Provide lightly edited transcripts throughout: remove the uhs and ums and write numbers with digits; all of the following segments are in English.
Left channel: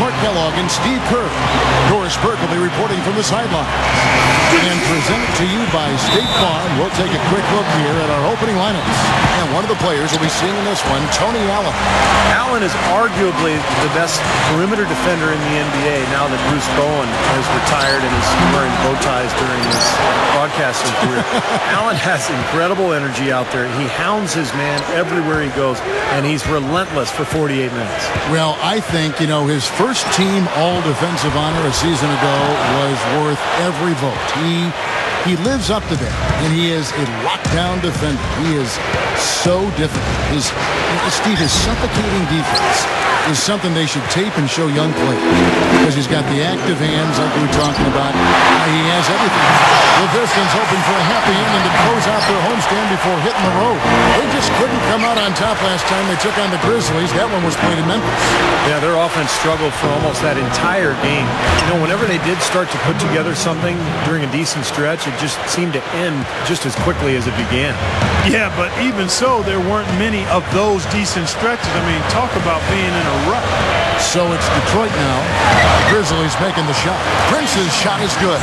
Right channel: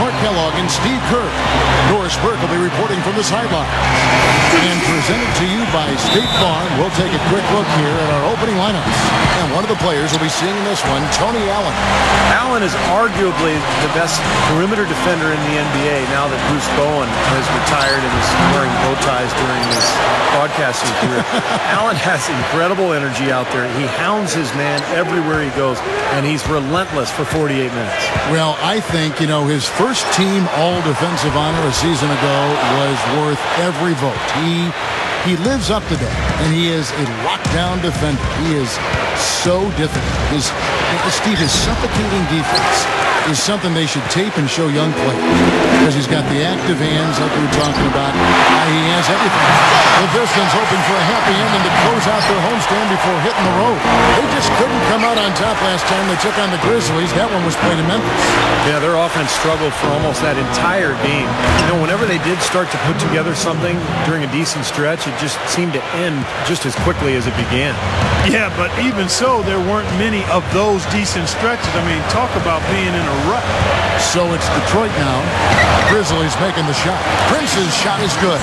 Mark Kellogg and Steve Kerr. Doris Burke will be reporting from the sidelines. And presented to you by State Farm, we'll take a quick look here at our opening lineups. And one of the players we'll be seeing in this one, Tony Allen. Allen is arguably the best perimeter defender in the NBA now that Bruce Bowen has retired and is wearing bow ties during his broadcasting career. Allen has incredible energy out there. He hounds his man everywhere he goes, and he's relentless for 48 minutes. Well, I think, his first team all-defensive honor a season ago was worth every vote. He lives up to that, and he is a lockdown defender. He is so difficult. His suffocating defense is something they should tape and show young players because he's got the active hands like we were talking about. He has everything. The Pistons hoping for a happy ending to close out their homestand before hitting the road. They just couldn't come out on top last time they took on the Grizzlies. That one was played in Memphis. Yeah, their offense struggled for almost that entire game. Whenever they did start to put together something during a decent stretch, it just seemed to end just as quickly as it began. Yeah, but even so, there weren't many of those decent stretches. I mean, talk about being in a rut. So it's Detroit now. Grizzlies making the shot. Prince's shot is good.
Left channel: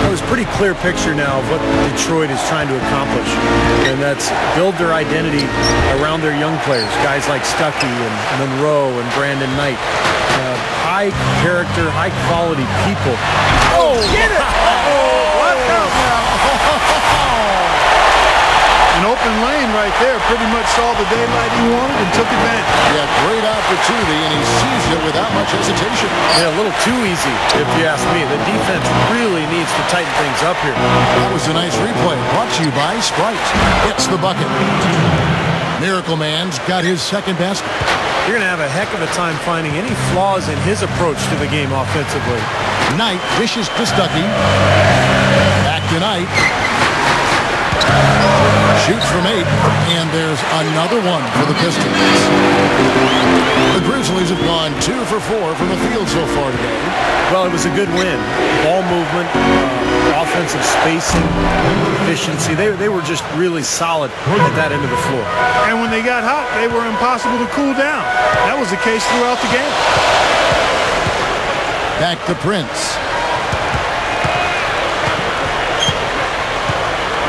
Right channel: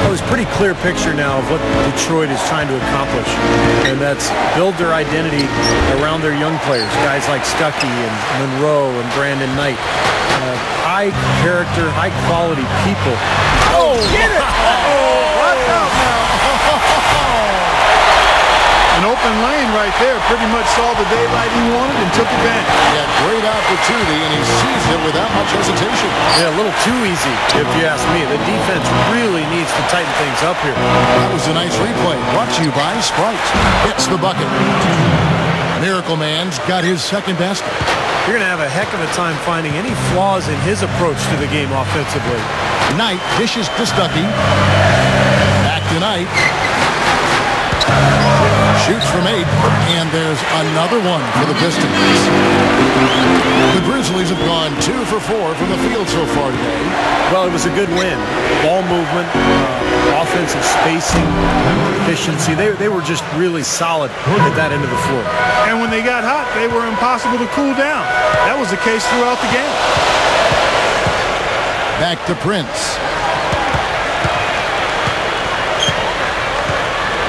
Well, there's a pretty clear picture now of what Detroit is trying to accomplish, and that's build their identity around their young players, guys like Stuckey and Monroe and Brandon Knight. High character, high quality people. Oh, get it! Oh, watch out now. An open lane right there. Pretty much saw the daylight he wanted and took advantage. Yeah, great opportunity, and he seized it without much hesitation. Yeah, a little too easy, if you ask me. The defense really needs to tighten things up here. That was a nice replay. Brought to you by Sprite. Hits the bucket. Miracle Man's got his second basket. You're going to have a heck of a time finding any flaws in his approach to the game offensively. Knight dishes to Stuckey. Back to Knight. Shoots from 8, and there's another one for the Pistons. The Grizzlies have gone 2 for 4 from the field so far today. Well, it was a good win. Ball movement, offensive spacing, efficiency. They were just really solid at that end of the floor. And when they got hot, they were impossible to cool down. That was the case throughout the game. Back to Prince.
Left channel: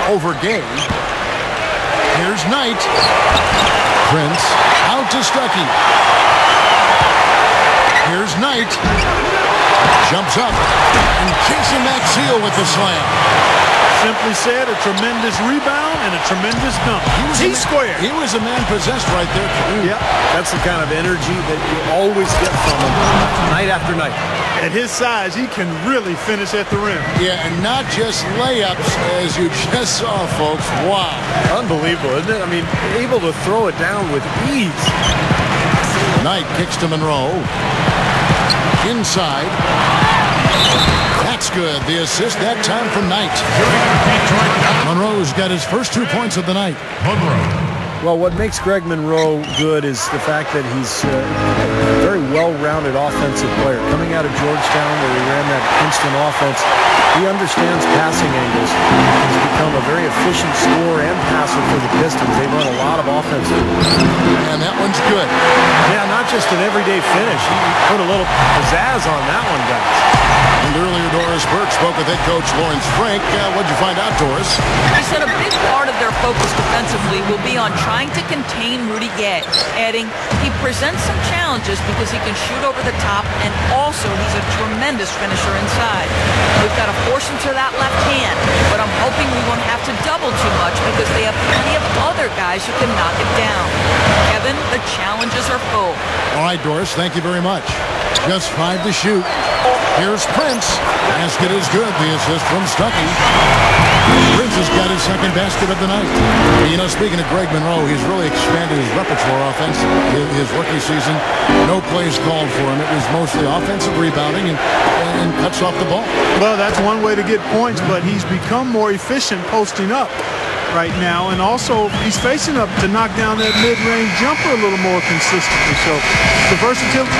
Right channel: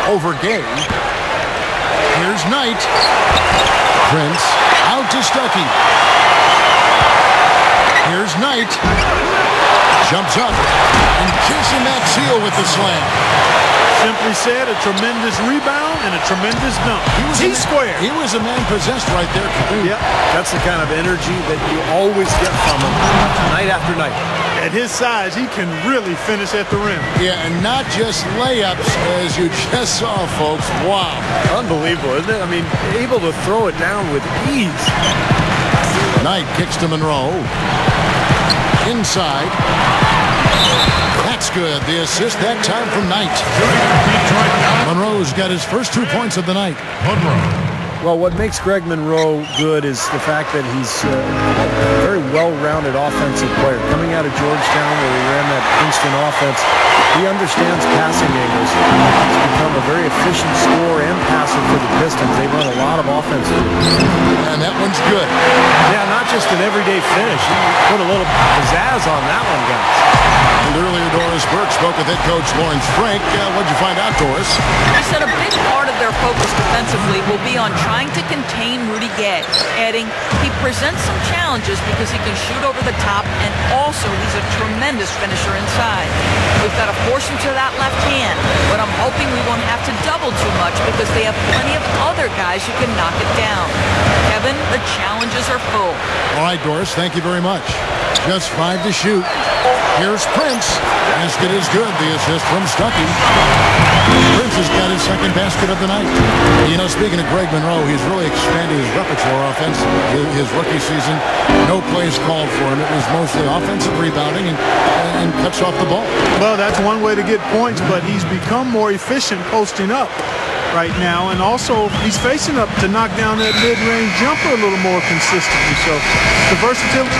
Over Gay. Here's Knight. Prince out to Stuckey. Here's Knight. Jumps up. And Jason Maxiell with the slam. Simply said, a tremendous rebound and a tremendous dunk. T-squared. He was a man possessed right there, Clark. Yep. That's the kind of energy that you always get from him night after night. At his size, he can really finish at the rim. Yeah, and not just layups, as you just saw, folks. Wow. Unbelievable, isn't it? I mean, able to throw it down with ease. Knight kicks to Monroe. Inside. That's good. The assist that time from Knight. Monroe's got his first 2 points of the night. Well, what makes Greg Monroe good is the fact that he's a very well-rounded offensive player. Coming out of Georgetown, where he ran that Princeton offense, he understands passing angles. He's become a very efficient scorer and passer for the Pistons. They run a lot of offense through. And that one's good. Yeah, not just an everyday finish. He put a little pizzazz on that one, guys. And earlier, Doris Burke spoke with head coach Lawrence Frank. What'd you find out, Doris? He said a big part of their focus defensively will be on trying to contain Rudy Gay, adding he presents some challenges because he can shoot over the top, and also he's a tremendous finisher inside. We've got to force him to that left hand, but I'm hoping we won't have to double too much because they have plenty of other guys who can knock it down. Kevin, the challenges are full. All right, Doris, thank you very much. Just 5 to shoot. Here's Prince. Basket is good. The assist from Stuckey. Prince has got his second basket of the night. Speaking of Greg Monroe, he's really expanded his repertoire offensively. His rookie season, no plays called for him. It was mostly offensive rebounding and cuts off the ball. Well, that's one way to get points, but he's become more efficient posting up right now, and also he's facing up to knock down that mid-range jumper a little more consistently. So the versatility.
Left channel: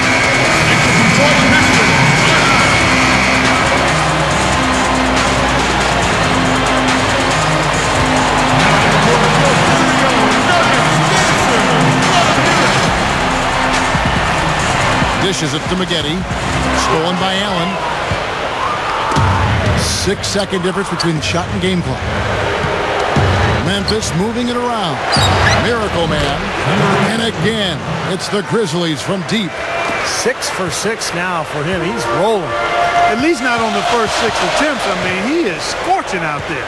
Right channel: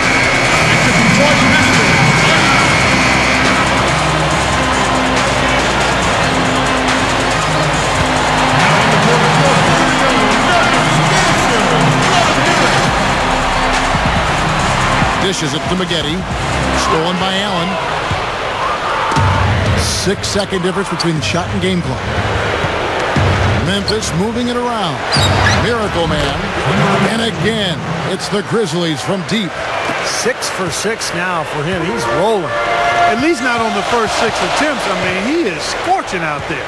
Dishes it to Maggette. Stolen by Allen. 6-second difference between shot and game clock. Memphis moving it around. Miracle Man. And again, it's the Grizzlies from deep. 6 for 6 now for him. He's rolling. At least not on the first 6 attempts. I mean, he is scorching out there.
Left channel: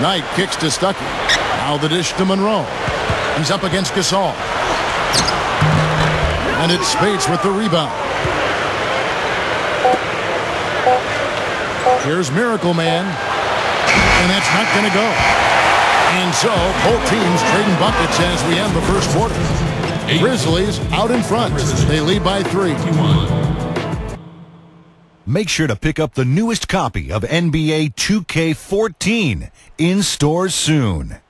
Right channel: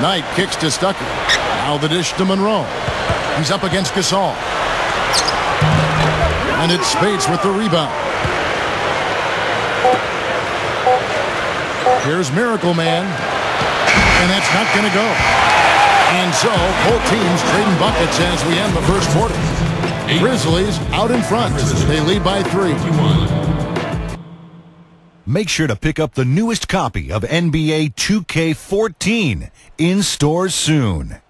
Knight kicks to Stuckey. Now the dish to Monroe. He's up against Gasol. And it's Spates with the rebound. Here's Miracle Man. And that's not going to go. And so both teams trading buckets as we end the first quarter. Grizzlies out in front. They lead by 3. Make sure to pick up the newest copy of NBA 2K14 in stores soon.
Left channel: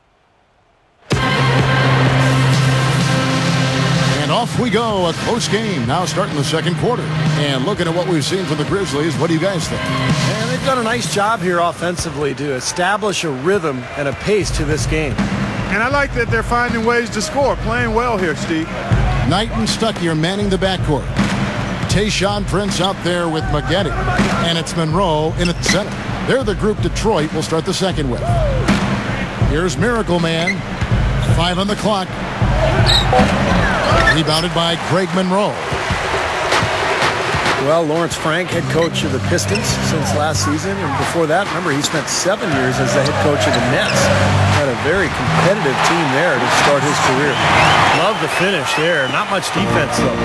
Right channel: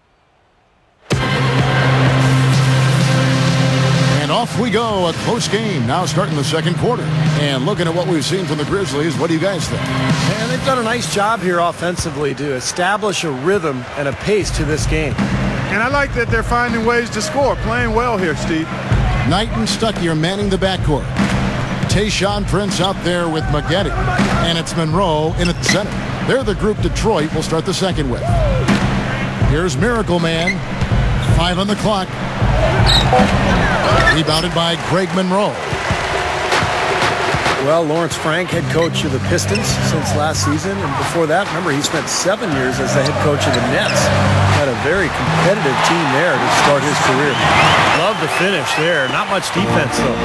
And off we go. A close game now starting the second quarter. And looking at what we've seen from the Grizzlies, what do you guys think? And they've done a nice job here offensively to establish a rhythm and a pace to this game. And I like that they're finding ways to score. Playing well here, Steve. Knight and Stuckey are manning the backcourt. Tayshaun Prince out there with Maggette. And it's Monroe in at the center. They're the group Detroit will start the second with. Here's Miracle Man. 5 on the clock. Rebounded by Greg Monroe. Well, Lawrence Frank, head coach of the Pistons since last season. And before that, remember, he spent 7 years as the head coach of the Nets. Had a very competitive team there to start his career. Love the finish there. Not much defense, though.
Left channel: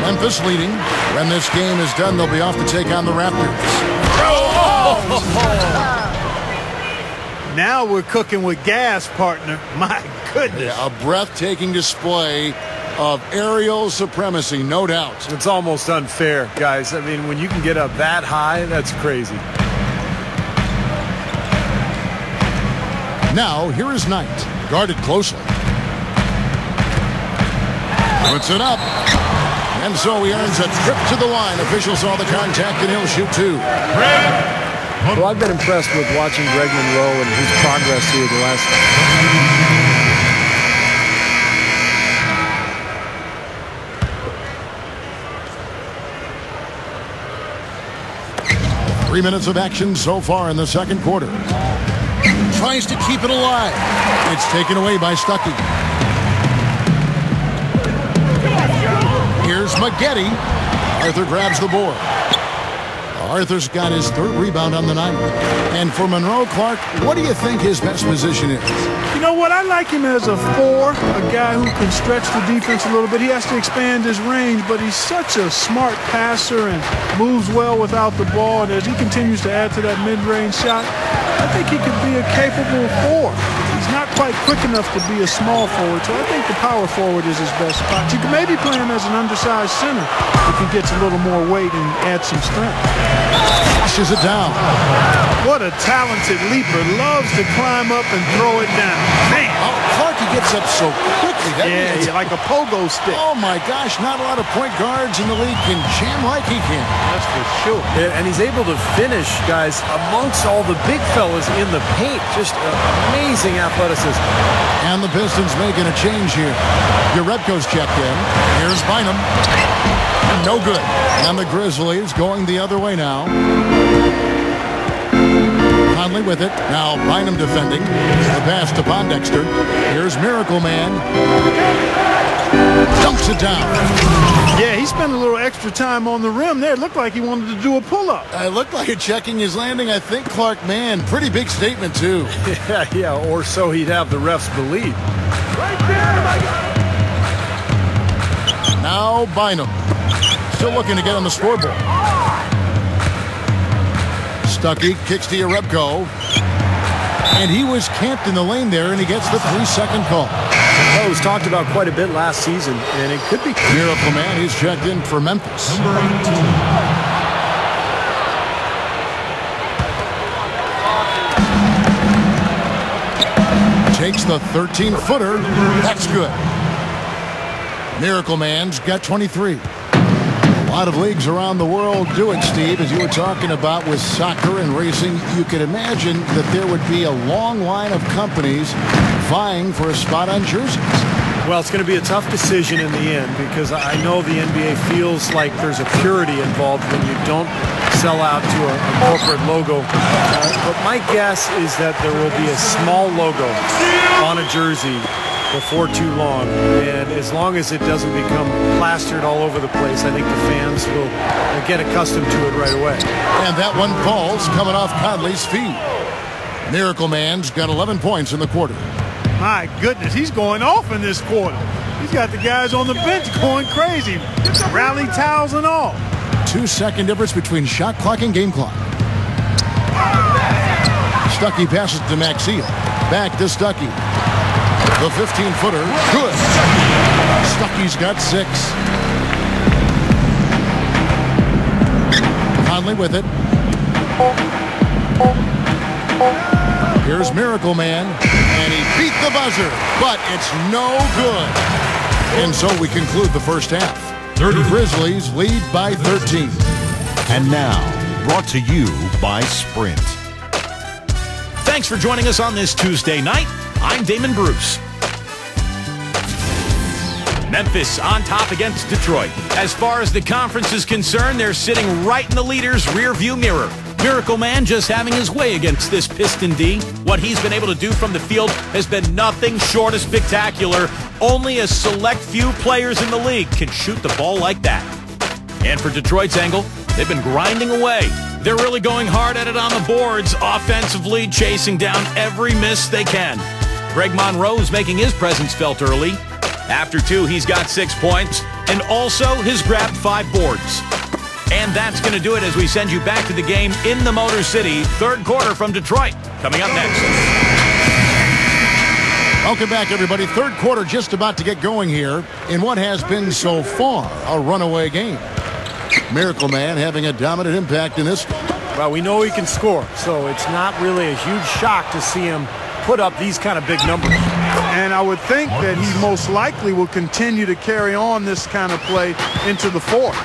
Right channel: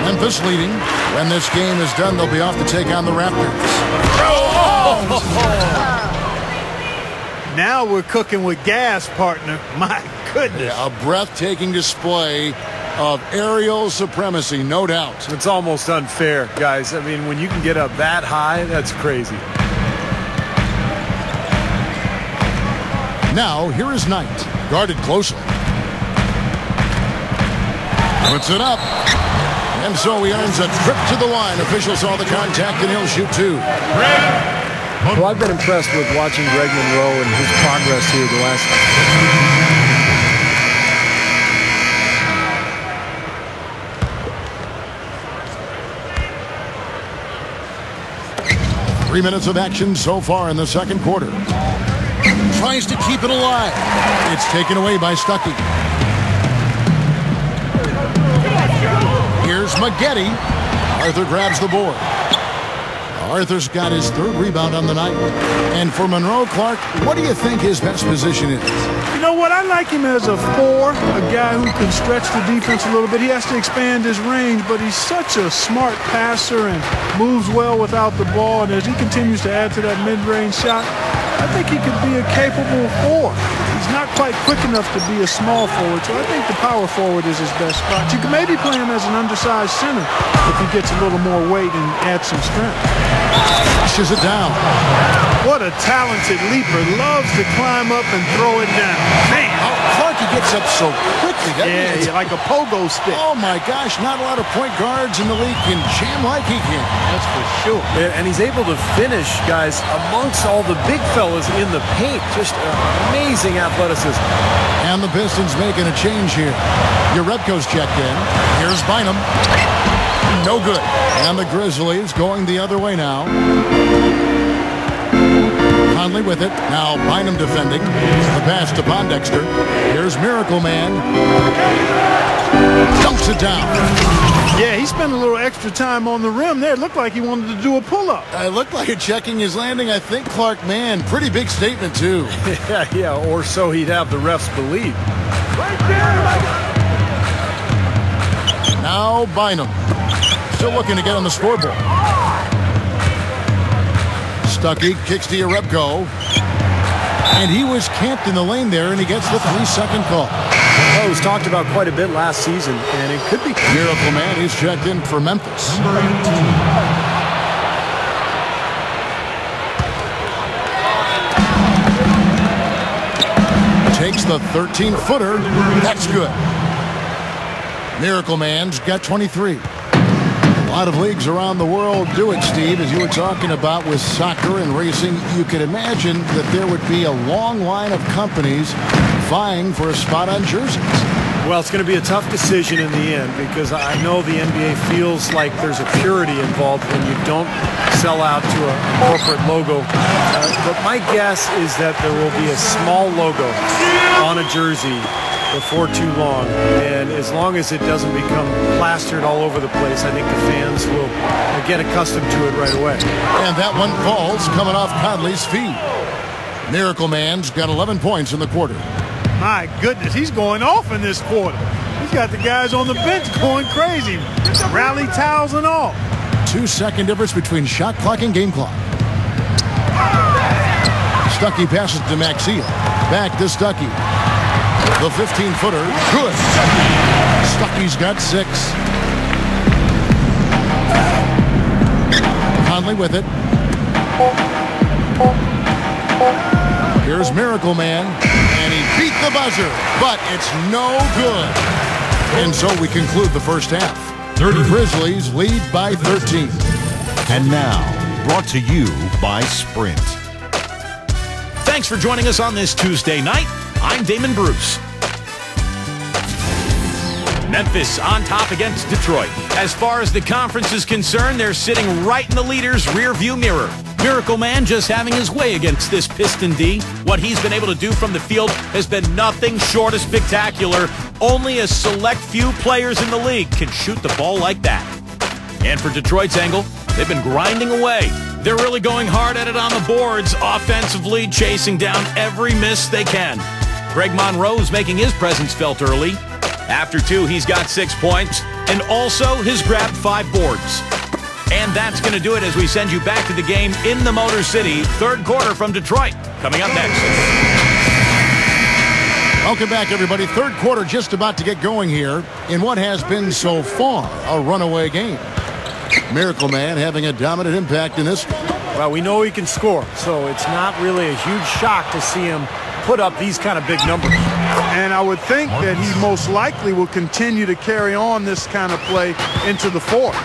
Memphis leading. When this game is done, they'll be off to take on the Raptors. Now we're cooking with gas, partner. My goodness. Yeah, a breathtaking display of aerial supremacy, no doubt. It's almost unfair, guys. I mean, when you can get up that high, that's crazy. Now, here is Knight, guarded closely. Puts it up. And so he earns a trip to the line. Officials saw the contact, and he'll shoot 2. Well, I've been impressed with watching Greg Monroe and his progress here the last... 3 minutes of action so far in the second quarter. Tries to keep it alive. It's taken away by Stuckey. Here's Maggette. Arthur grabs the board. Arthur's got his 3rd rebound on the night. And for Monroe, Clark, what do you think his best position is? You know what? I like him as a 4, a guy who can stretch the defense a little bit. He has to expand his range, but he's such a smart passer and moves well without the ball. And as he continues to add to that mid-range shot, I think he could be a capable 4. He's not quite quick enough to be a small forward, so I think the power forward is his best spot. You can maybe play him as an undersized center if he gets a little more weight and adds some strength. Flushes it down. What a talented leaper. Loves to climb up and throw it down. Man. Oh, Clark, he gets up so quickly, doesn't he? Yeah, like a pogo stick. Oh, my gosh, not a lot of point guards in the league can jam like he can. That's for sure. And he's able to finish, guys, amongst all the big fellas in the paint. Just amazing athleticism. And the Pistons making a change here. Urebko's checked in. Here's Bynum. No good. And the Grizzlies going the other way now. Conley with it. Now Bynum defending. The pass to Pondexter. Here's Miracle Man. Dunks it down. Yeah, he spent a little extra time on the rim there. It looked like he wanted to do a pull-up. It looked like it checking his landing. I think Clark, man, pretty big statement, too. Yeah, or so he'd have the refs believe. Right there, I got him. Now Bynum. Still looking to get on the scoreboard. Stuckey kicks to Urebko. And he was camped in the lane there, and he gets the 3-second call. Well, it was talked about quite a bit last season, and it could be... Miracle Man, he's checked in for Memphis. Takes the 13-footer. That's good. Miracle Man's got 23. A lot of leagues around the world do it, Steve, as you were talking about with soccer and racing. You could imagine that there would be a long line of companies vying for a spot on jerseys. Well, it's going to be a tough decision in the end because I know the NBA feels like there's a purity involved when you don't sell out to a corporate logo. But my guess is that there will be a small logo on a jersey before too long. And as long as it doesn't become plastered all over the place, I think the fans will get accustomed to it right away. And that one falls coming off Conley's feet. Miracle Man's got 11 points in the quarter. My goodness, he's going off in this quarter. He's got the guys on the bench going crazy. Rally towels and all. 2-second difference between shot clock and game clock. Stuckey passes to Maxiel. Back to Stuckey. The 15-footer, good. Stuckey's got 6. Conley with it. Here's Miracle Man, and he beat the buzzer, but it's no good. And so we conclude the first half. Grizzlies lead by 13. And now, brought to you by Sprint. Thanks for joining us on this Tuesday night. I'm Damon Bruce. Memphis on top against Detroit. As far as the conference is concerned, they're sitting right in the leader's rearview mirror. Miracle Man just having his way against this Piston D. What he's been able to do from the field has been nothing short of spectacular. Only a select few players in the league can shoot the ball like that. And for Detroit's angle, they've been grinding away. They're really going hard at it on the boards, offensively chasing down every miss they can. Greg Monroe's making his presence felt early. After 2, he's got 6 points, and also has grabbed 5 boards. And that's going to do it as we send you back to the game in the Motor City. Third quarter from Detroit. Coming up next. Welcome back, everybody. Third quarter just about to get going here in what has been so far a runaway game. Miracle Man having a dominant impact in this. Well, we know he can score, so it's not really a huge shock to see him put up these kind of big numbers. And I would think that he most likely will continue to carry on this kind of play into the fourth.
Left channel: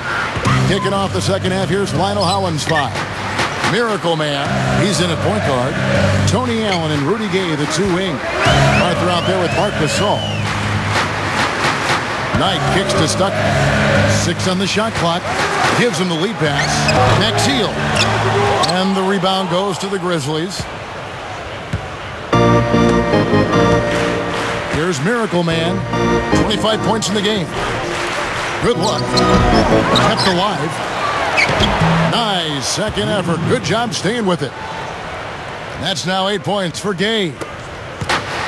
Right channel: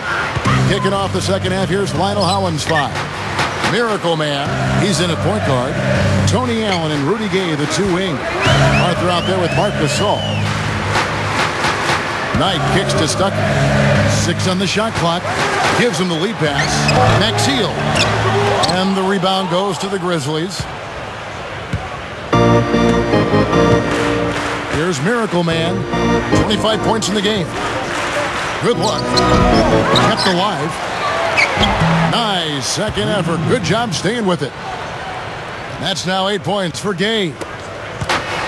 Kicking off the second half, here's Lionel Howland's 5. Miracle Man, he's in at point guard. Tony Allen and Rudy Gay, the 2 wing. Arthur out there with Marc Gasol. Knight kicks to Stuckey. 6 on the shot clock. Gives him the lead pass. Maxiel. And the rebound goes to the Grizzlies. Here's Miracle Man. 25 points in the game. Good luck. Kept alive. Nice second effort. Good job staying with it. And that's now 8 points for Gay.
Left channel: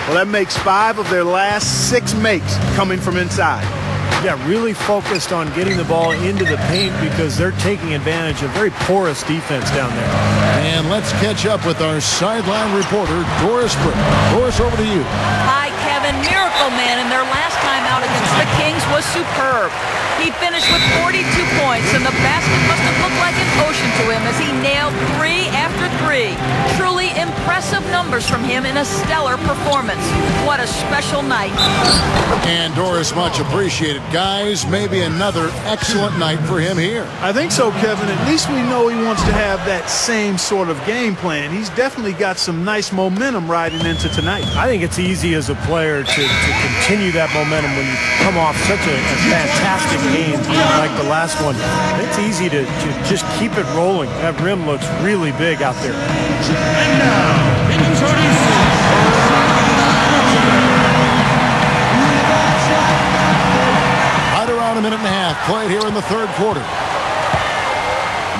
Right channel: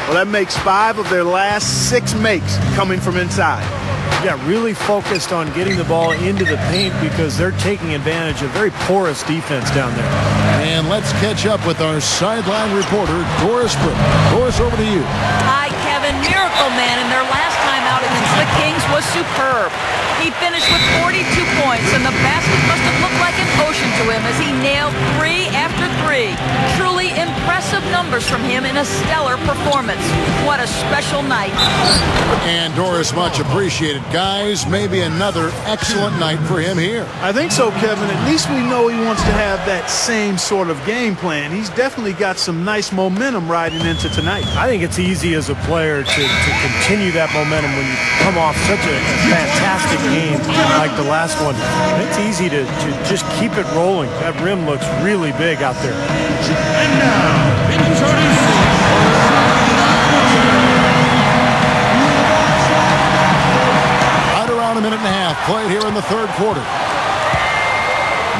Well, that makes 5 of their last 6 makes coming from inside. Yeah, really focused on getting the ball into the paint because they're taking advantage of very porous defense down there. And let's catch up with our sideline reporter, Doris Burke. Doris, over to you. Hi, Kevin. Miracle Man in their last time out against the Kings was superb. He finished with 42 points, and the basket must have looked like an ocean to him as he nailed 3 after 3. Truly impressive numbers from him in a stellar performance. What a special night. And Doris, much appreciated. Guys, maybe another excellent night for him here. I think so, Kevin. At least we know he wants to have that same sort of game plan. He's definitely got some nice momentum riding into tonight. I think it's easy as a player to continue that momentum when you come off such a fantastic game like the last one. It's easy to just keep it rolling. That rim looks really big out there. Right around a minute and a half played here in the third quarter.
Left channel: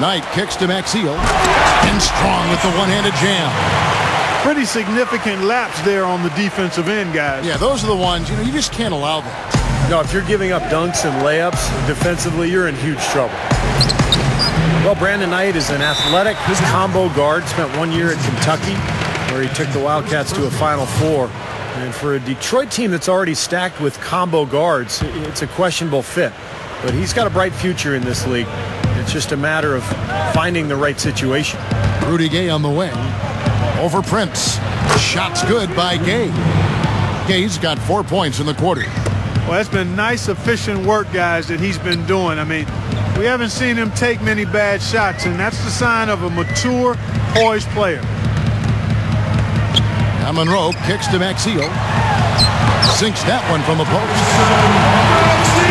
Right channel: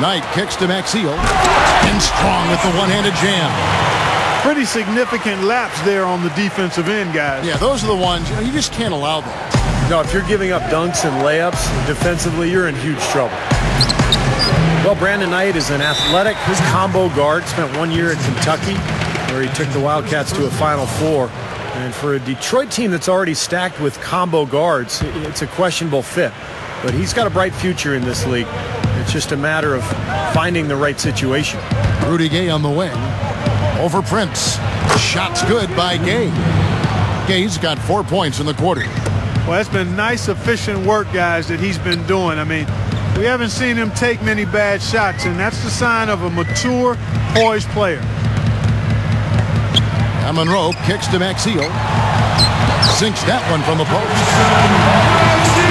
Knight kicks to Maxiel. And Strong with the one-handed jam. Pretty significant laps there on the defensive end, guys. Yeah, those are the ones, you just can't allow that. No, if you're giving up dunks and layups defensively, you're in huge trouble. Well, Brandon Knight is an athletic combo guard. Spent 1 year at Kentucky, where he took the Wildcats to a Final Four. And for a Detroit team that's already stacked with combo guards, it's a questionable fit. But he's got a bright future in this league. It's just a matter of finding the right situation. Rudy Gay on the wing. Over Prince. Shot's good by Gay. Gay's got 4 points in the quarter. Well, that's been nice, efficient work, guys, that he's been doing. I mean, we haven't seen him take many bad shots, and that's the sign of a mature, poised player. Monroe kicks to Maxiel. Sinks that one from the post.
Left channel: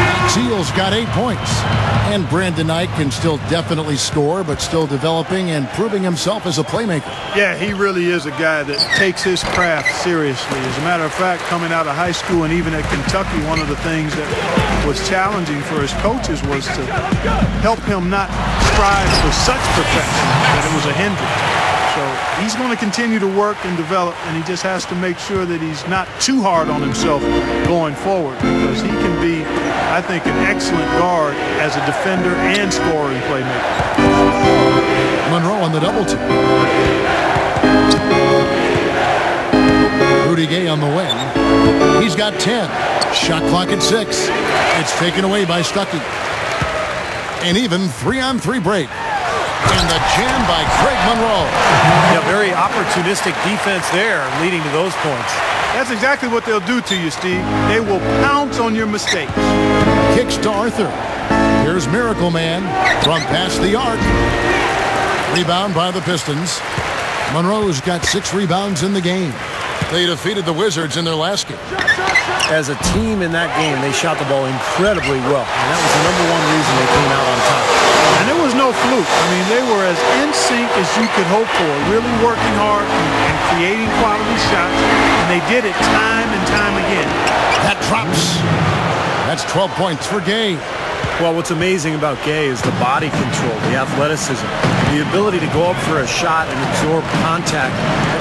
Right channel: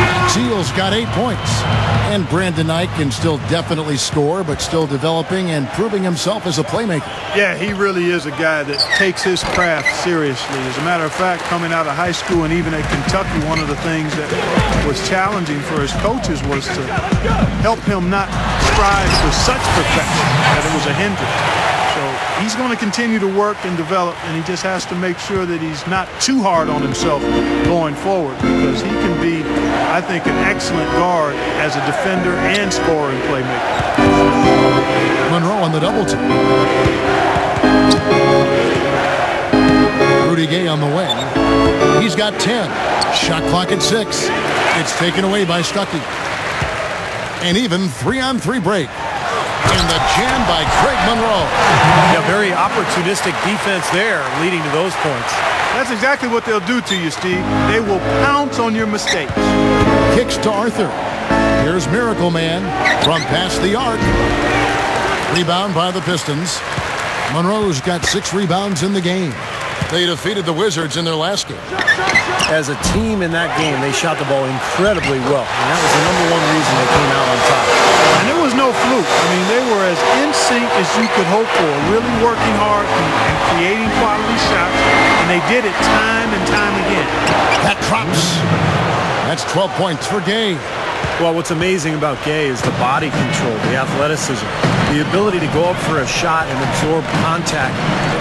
Maxie's got 8 points. And Brandon Knight can still definitely score, but still developing and proving himself as a playmaker. Yeah, he really is a guy that takes his craft seriously. As a matter of fact, coming out of high school and even at Kentucky, one of the things that was challenging for his coaches was to help him not strive for such perfection that it was a hindrance. So he's going to continue to work and develop, and he just has to make sure that he's not too hard on himself going forward, because he can be, I think, an excellent guard as a defender and scorer and playmaker. Monroe on the double team. Rudy Gay on the wing. He's got 10. Shot clock at 6. It's taken away by Stuckey. An even 3-on-3 break. And the jam by Craig Monroe. Yeah, very opportunistic defense there, leading to those points. That's exactly what they'll do to you, Steve. They will pounce on your mistakes. Kicks to Arthur. Here's Miracle Man from past the arc. Rebound by the Pistons. Monroe's got 6 rebounds in the game. They defeated the Wizards in their last game. As a team in that game, they shot the ball incredibly well, and that was the #1 reason they came out on top. And it was no fluke. I mean, they were as in sync as you could hope for, really working hard and creating quality shots, and they did it time and time again. That drops. That's 12 points for Gay. Well, what's amazing about Gay is the body control, the athleticism, the ability to go up for a shot and absorb contact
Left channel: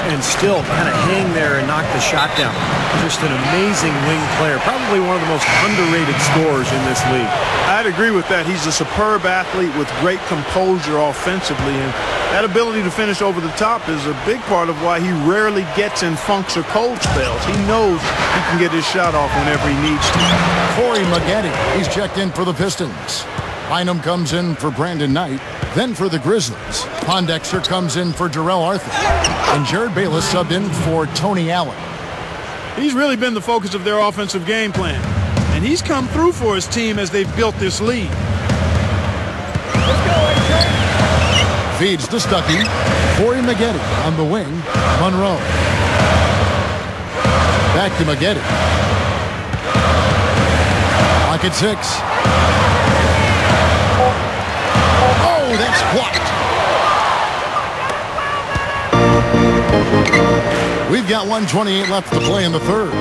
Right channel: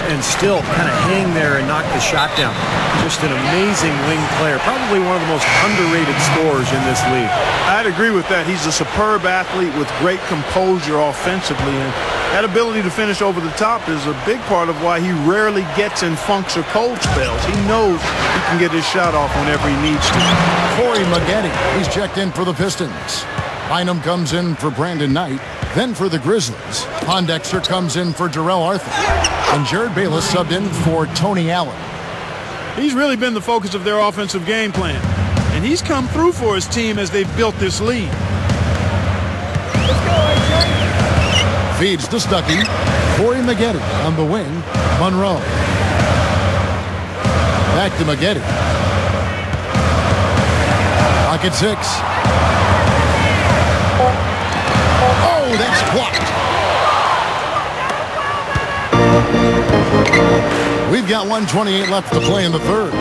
and still kind of hang there and knock the shot down. Just an amazing wing player, probably one of the most underrated scorers in this league. I'd agree with that. He's a superb athlete with great composure offensively, and that ability to finish over the top is a big part of why he rarely gets in funks or cold spells. He knows he can get his shot off whenever he needs to. Corey Maggette, he's checked in for the Pistons. Bynum comes in for Brandon Knight. Then for the Grizzlies, Pondexter comes in for Darrell Arthur. And Jared Bayless subbed in for Tony Allen. He's really been the focus of their offensive game plan. And he's come through for his team as they've built this lead. Let's go, A-Train. Feeds to Stuckey. Corey Maggette on the wing. Monroe. Back to Maggette. Clock at 6. Oh, that's blocked. We've got 1:28 left to play in the third.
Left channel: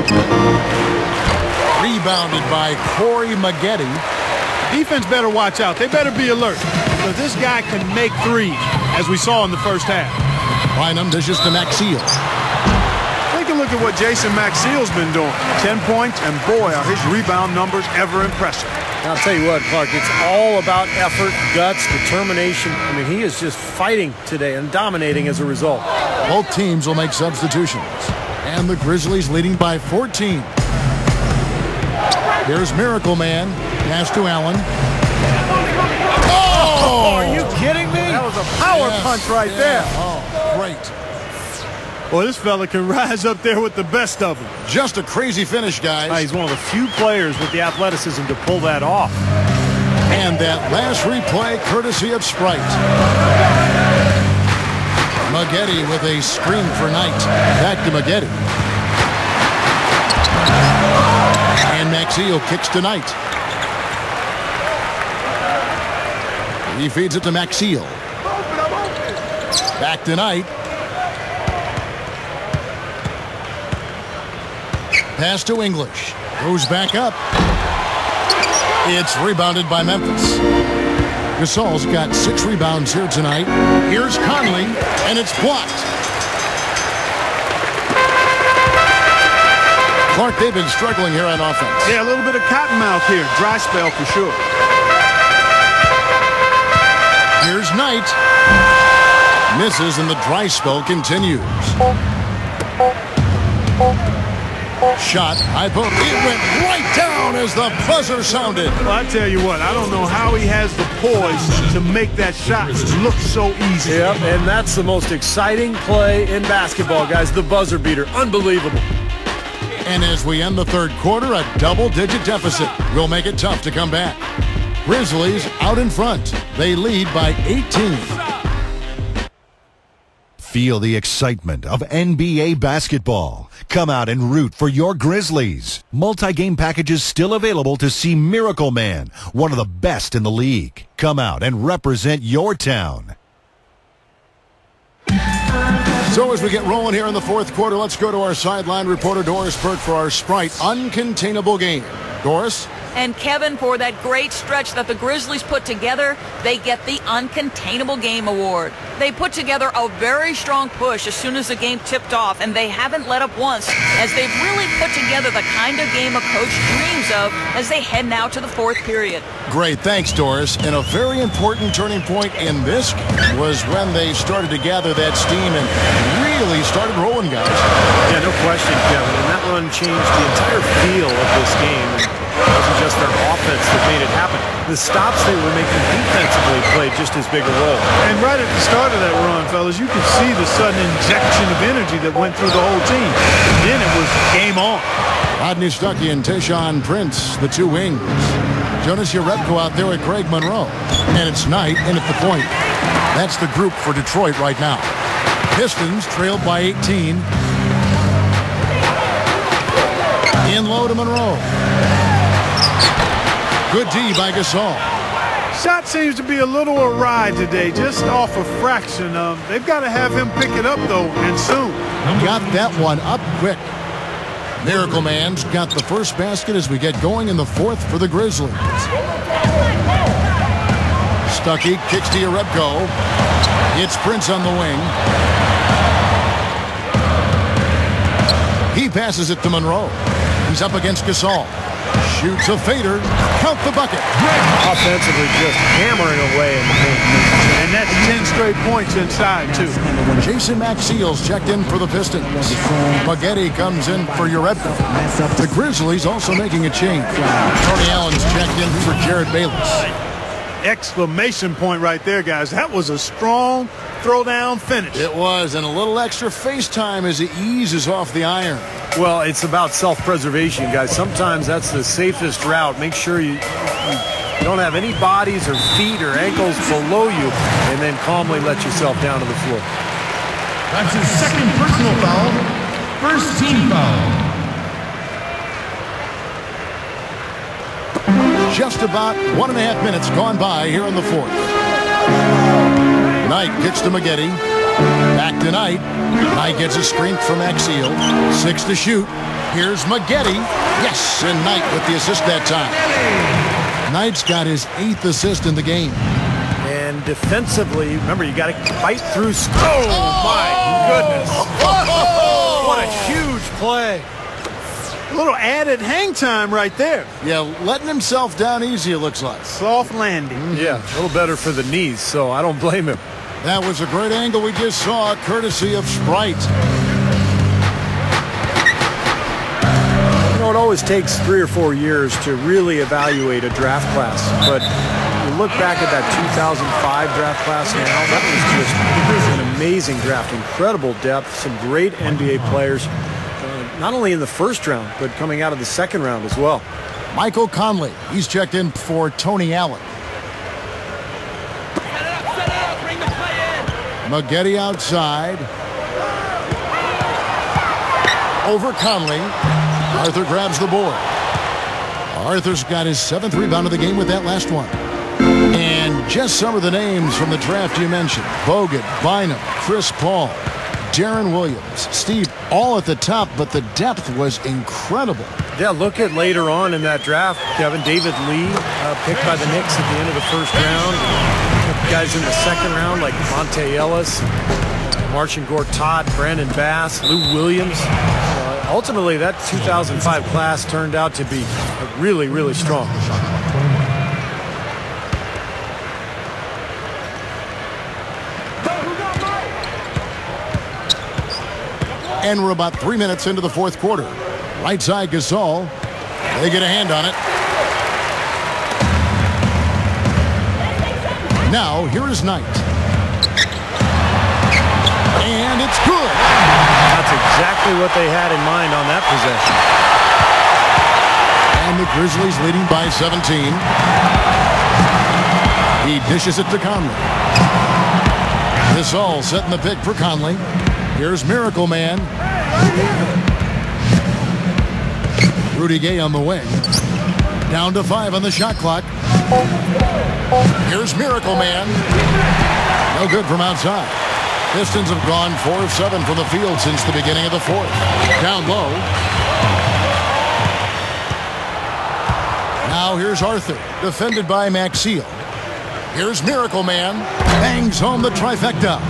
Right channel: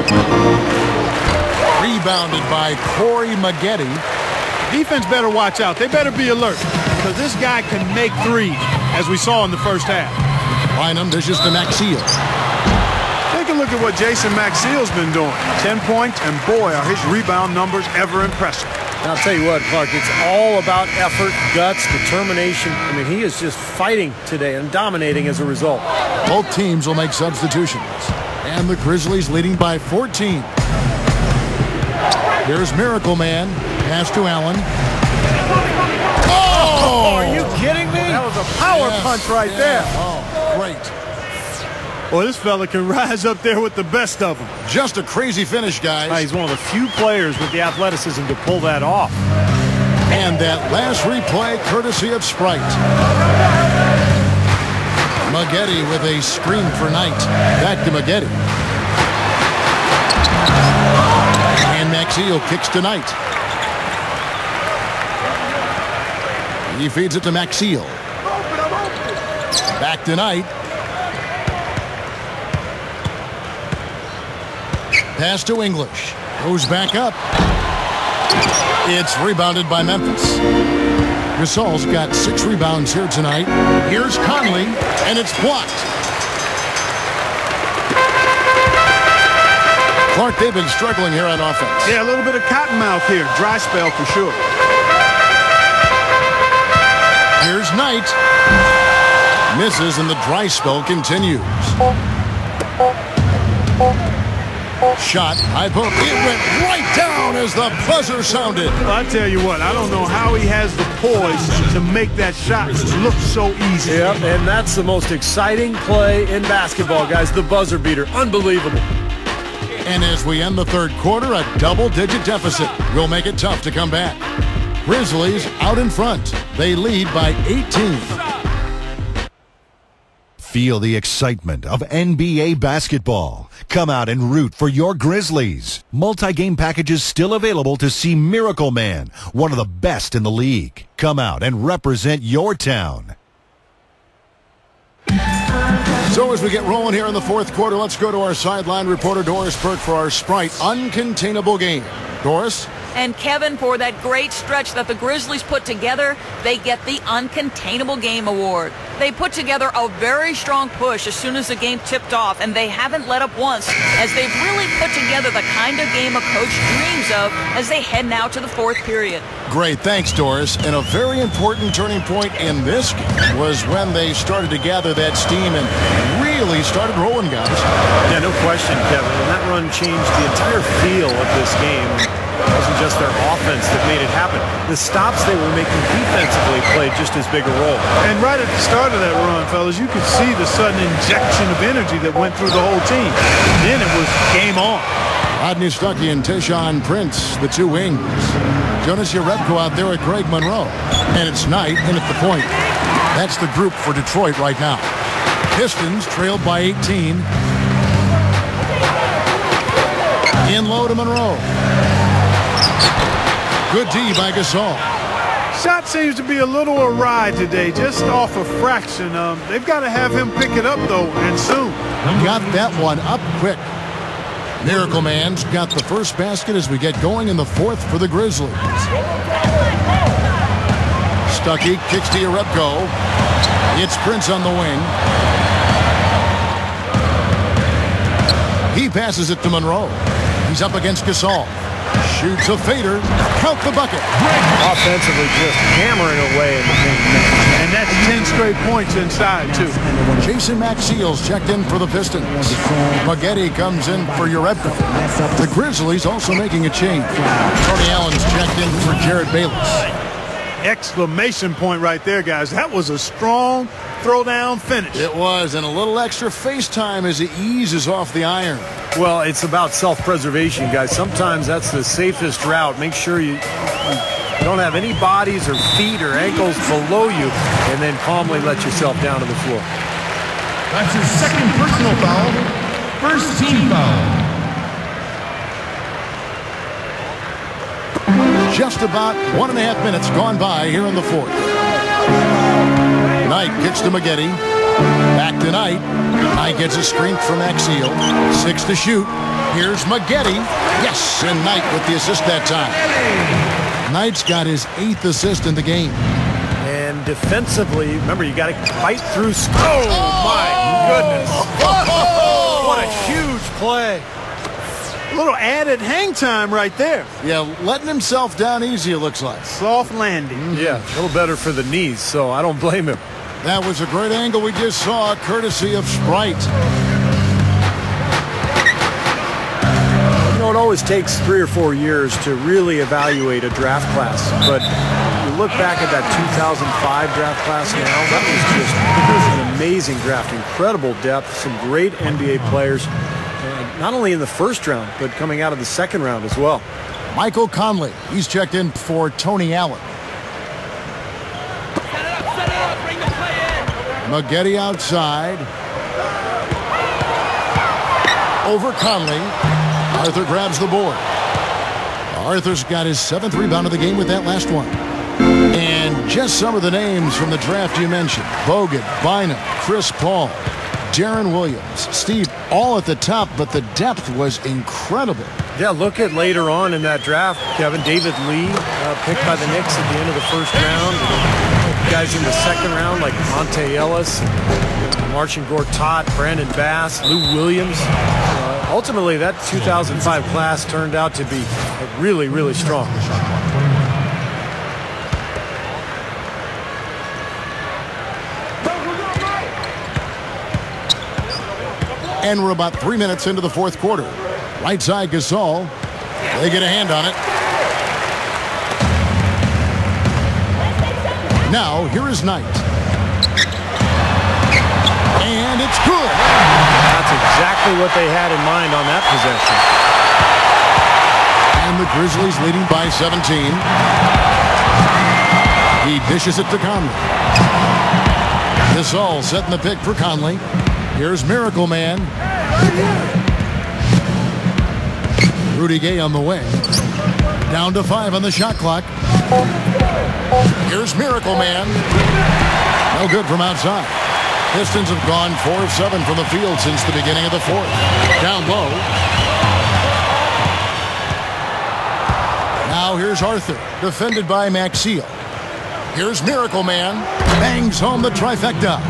Rebounded by Corey Maggette. Defense better watch out. They better be alert, because this guy can make threes, as we saw in the first half. Bynum dishes to Maxie's. Take a look at what Jason Maxie's been doing. 10 points, and boy, are his rebound numbers ever impressive. And I'll tell you what, Clark, it's all about effort, guts, determination. I mean, he is just fighting today and dominating as a result. Both teams will make substitutions. And the Grizzlies leading by 14. Here's Miracle Man. Pass to Allen. Oh! Are you kidding me? That was a power punch right there. Oh, great. Well, this fella can rise up there with the best of them. Just a crazy finish, guys. He's one of the few players with the athleticism to pull that off. And that last replay courtesy of Sprite. Maggette with a screen for Knight. Back to Maggette. And Maxie kicks to Knight. He feeds it to Maxie. Back to Knight. Pass to English. Goes back up. It's rebounded by Memphis. Gasol's got 6 rebounds here tonight. Here's Conley, and it's blocked. Clark, they've been struggling here on offense. Yeah, a little bit of cottonmouth here. Dry spell for sure. Here's Knight. Misses, and the dry spell continues. Shot, high post. It went right down as the buzzer sounded. Well, I tell you what, I don't know how he has the poise to make that shot look so easy. Yep, and that's the most exciting play in basketball, guys. The buzzer beater. Unbelievable. And as we end the third quarter, a double-digit deficit will make it tough to come back. Grizzlies out in front. They lead by 18. Feel the excitement of NBA basketball. Come out and root for your Grizzlies. Multi-game packages still available to see Miracle Man, one of the best in the league. Come out and represent your town. So as we get rolling here in the fourth quarter, let's go to our sideline reporter Doris Burke for our Sprite Uncontainable game. Doris? And Kevin, for that great stretch that the Grizzlies put together, they get the Uncontainable Game Award. They put together a very strong push as soon as the game tipped off, and they haven't let up once, as they've really put together the kind of game a coach dreams of as they head now to the fourth period. Great, thanks, Doris. And a very important turning point in this game was when they started to gather that steam and really started rolling, guys. Yeah, no question, Kevin. And that run changed the entire feel of this game. It wasn't just their offense that made it happen. The stops they were making defensively played just as big a role. And right at the start of that run, fellas, you could see the sudden injection of energy that went through the whole team. Then it was game on. Rodney Stuckey and Tayshaun Prince, the two wings. Jonas Jerebko out there with Greg Monroe. And it's Knight in at the point. That's the group for Detroit right now. Pistons trailed by 18. In low to Monroe. Good D by Gasol. Shot seems to be a little awry today, just off a fraction. They've got to have him pick it up, though, and soon. Got that one up quick. Miracle Man's got the first basket as we get going in the fourth for the Grizzlies. Stuckey kicks to Jerebko. It's Prince on the wing. He passes it to Monroe. He's up against Gasol. Shoots a fader. Count the bucket. Offensively just hammering away in the paint. And that's 10 straight points inside, too. Jason Maxiell's checked in for the Pistons. Maggette comes in for Jerebko. The Grizzlies also making a change. Tony Allen's checked in for Jared Bayless. Exclamation point right there, guys. That was a strong throwdown finish. It was, and a little extra face time as he eases off the iron. Well, it's about self-preservation, guys. Sometimes that's the safest route. Make sure you don't have any bodies or feet or ankles below you, and then calmly let yourself down to the floor. That's his second personal foul. First team foul. Just about 1.5 minutes gone by here in the fourth. Knight kicks to Maggette. Back to Knight. Knight gets a screen from Maxiell. 6 to shoot. Here's Maggette. Yes, and Knight with the assist that time. Knight's got his 8th assist in the game. And defensively, remember, you got to fight through. Oh, my goodness. What a huge play. A little added hang time right there. Yeah, letting himself down easy, it looks like. Soft landing. Yeah, a little better for the knees, so I don't blame him. That was a great angle we just saw, courtesy of Sprite. You know, it always takes 3 or 4 years to really evaluate a draft class, but you look back at that 2005 draft class now, that was just an amazing draft. Incredible depth, some great NBA players, not only in the first round, but coming out of the second round as well. Michael Conley, he's checked in for Tony Allen. Maggette outside. Over Conley. Arthur grabs the board. Arthur's got his 7th rebound of the game with that last one. And just some of the names from the draft you mentioned. Bogut, Bynum, Chris Paul, Darren Williams, Steve, all at the top, but the depth was incredible. Yeah, look at later on in that draft, Kevin. David Lee picked by the Knicks at the end of the first round. And guys in the second round like Monte Ellis, Marcin Gortat, Brandon Bass, Lou Williams. Ultimately, that 2005 class turned out to be really, really strong. And we're about 3 minutes into the fourth quarter. Right side Gasol. They get a hand on it. Now, here is Knight. And it's good. That's exactly what they had in mind on that possession. And the Grizzlies leading by 17. He dishes it to Conley. Gasol setting the pick for Conley. Here's Miracle Man. Rudy Gay on the wing. Down to 5 on the shot clock. Here's Miracle Man. No good from outside. Pistons have gone 4 of 7 from the field since the beginning of the fourth. Down low. Now here's Arthur, defended by Maxeel. Here's Miracle Man. Bangs home the trifecta.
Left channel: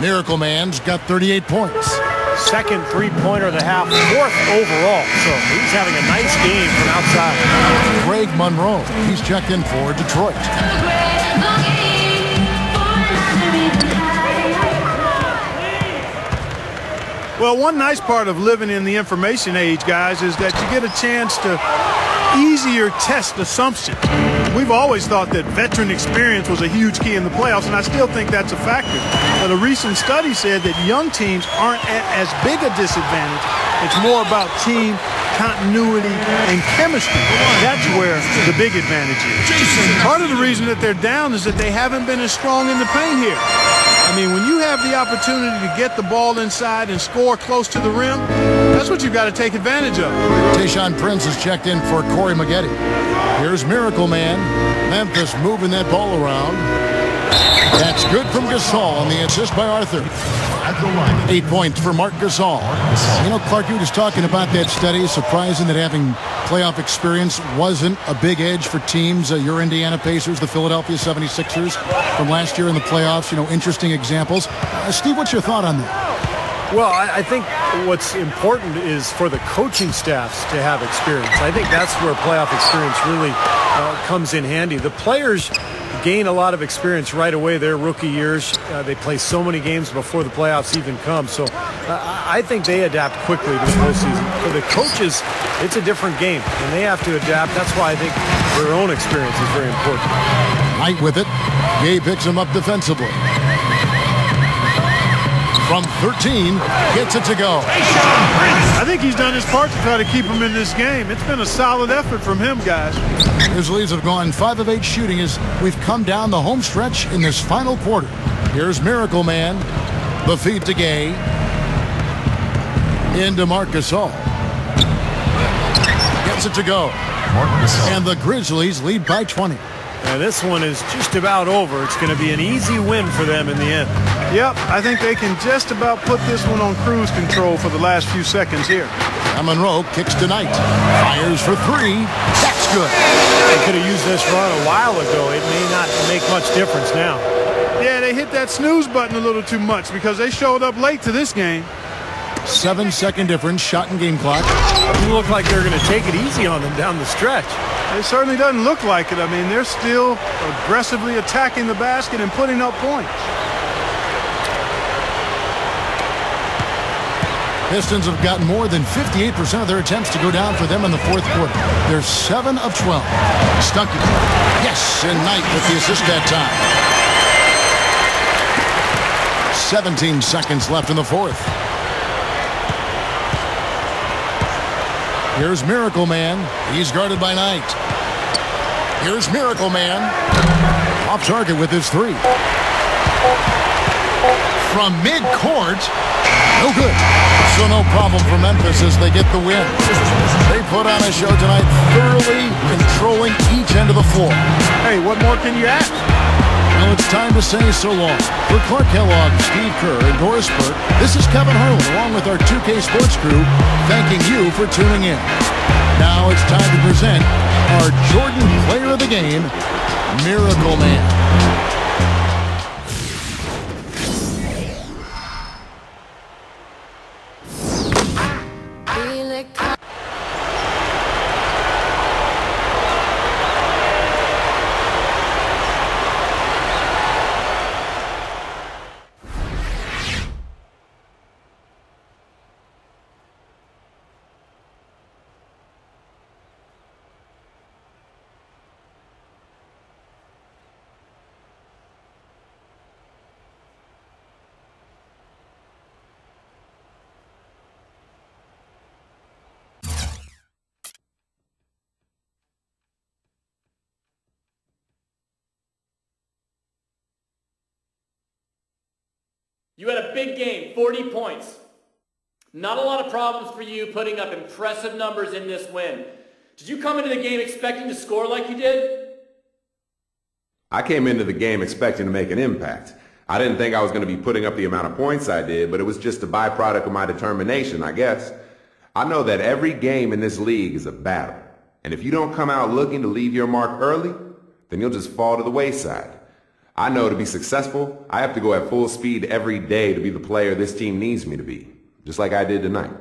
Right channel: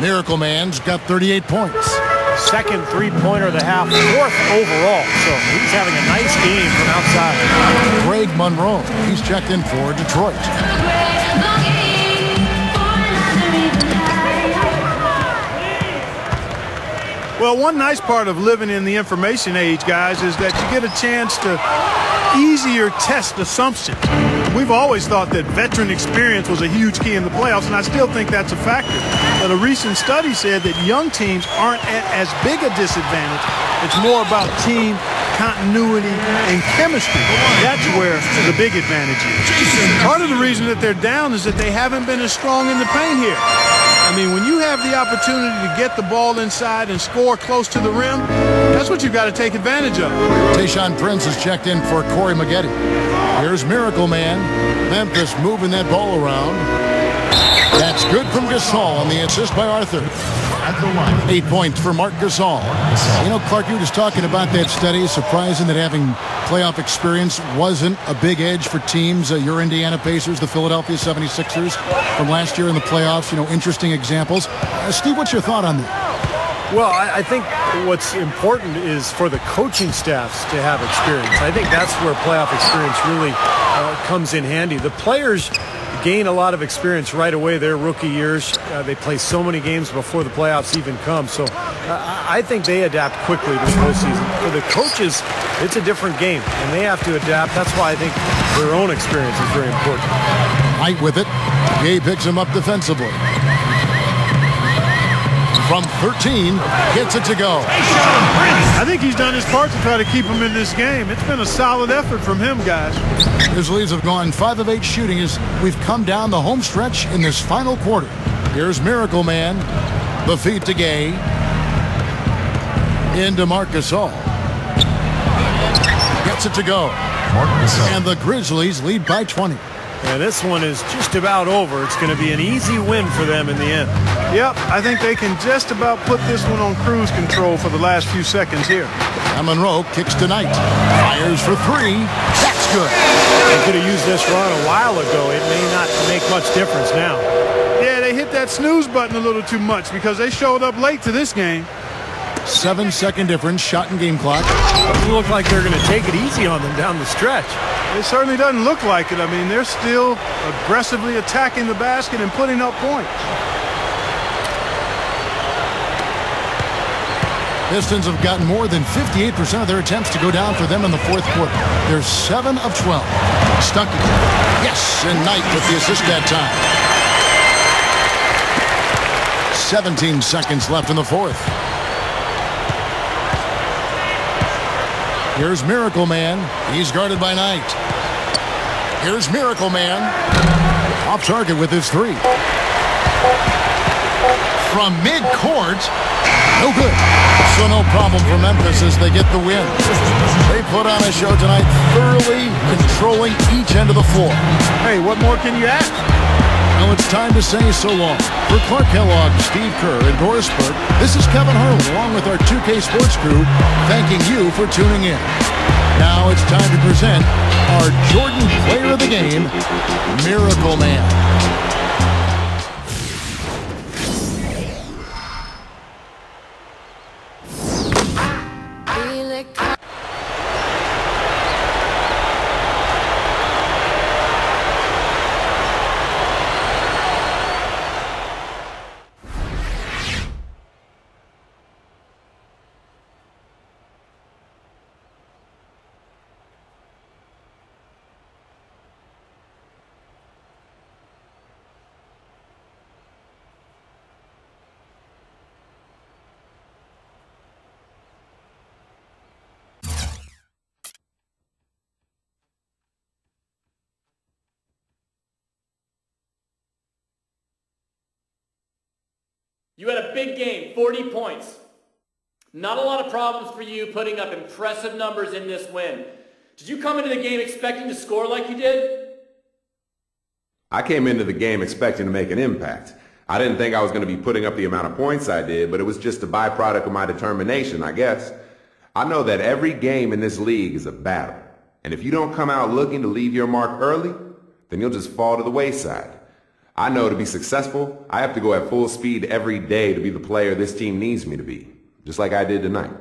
Miracle Man's got 38 points. Second three-pointer of the half, 4th overall. So he's having a nice game from outside. Greg Monroe, he's checked in for Detroit. Well, one nice part of living in the information age, guys, is that you get a chance to easier test assumptions. We've always thought that veteran experience was a huge key in the playoffs, and I still think that's a factor. But a recent study said that young teams aren't at as big a disadvantage. It's more about team continuity and chemistry. That's where the big advantage is. Part of the reason that they're down is that they haven't been as strong in the paint here. I mean, when you have the opportunity to get the ball inside and score close to the rim, that's what you've got to take advantage of. Tayshaun Prince has checked in for Corey Maggette. Here's Miracle Man. Memphis moving that ball around. That's good from Gasol on the assist by Arthur. 8 points for Marc Gasol. You know, Clark, you were just talking about that study. Surprising that having playoff experience wasn't a big edge for teams. Your Indiana Pacers, the Philadelphia 76ers from last year in the playoffs. You know, interesting examples. Steve, what's your thought on that? Well, I think what's important is for the coaching staffs to have experience. I think that's where playoff experience really comes in handy. The players gain a lot of experience right away their rookie years. They play so many games before the playoffs even come. So I think they adapt quickly to the postseason. For the coaches, it's a different game, and they have to adapt. That's why I think their own experience is very important. Knight with it. Gay picks him up defensively. From 13, gets it to go. I think he's done his part to try to keep him in this game. It's been a solid effort from him, guys. Grizzlies have gone 5 of 8 shooting as we've come down the home stretch in this final quarter. Here's Miracle Man. The feed to Gay. Into Marc Gasol. Gets it to go. And the Grizzlies lead by 20. And this one is just about over. It's going to be an easy win for them in the end. Yep, I think they can just about put this one on cruise control for the last few seconds here. Monroe kicks to Knight. Fires for 3. That's good. They could have used this run a while ago. It may not make much difference now. Yeah, they hit that snooze button a little too much because they showed up late to this game. 7-second difference, shot and game clock. Doesn't look like they're going to take it easy on them down the stretch. It certainly doesn't look like it. I mean, they're still aggressively attacking the basket and putting up points. Pistons have gotten more than 58% of their attempts to go down for them in the fourth quarter. They're 7 of 12. Stuckey. Yes, and Knight with the assist that time. 17 seconds left in the fourth. Here's Miracle Man. He's guarded by Knight. Here's Miracle Man. Off target with his 3. From midcourt. No good. So no problem for Memphis as they get the win. They put on a show tonight, thoroughly controlling each end of the floor. Hey, what more can you ask? Well, it's time to say so long. For Clark Kellogg, Steve Kerr, and Doris Burke, this is Kevin Harlan along with our 2K Sports crew, thanking you for tuning in. Now it's time to present our Jordan Player of the Game, Miracle Man. You had a big game, 40 points. Not a lot of problems for you putting up impressive numbers in this win. Did you come into the game expecting to score like you did? I came into the game expecting to make an impact. I didn't think I was going to be putting up the amount of points I did, but it was just a byproduct of my determination, I guess. I know that every game in this league is a battle. And if you don't come out looking to leave your mark early, then you'll just fall to the wayside. I know to be successful, I have to go at full speed every day to be the player this team needs me to be, just like I did tonight.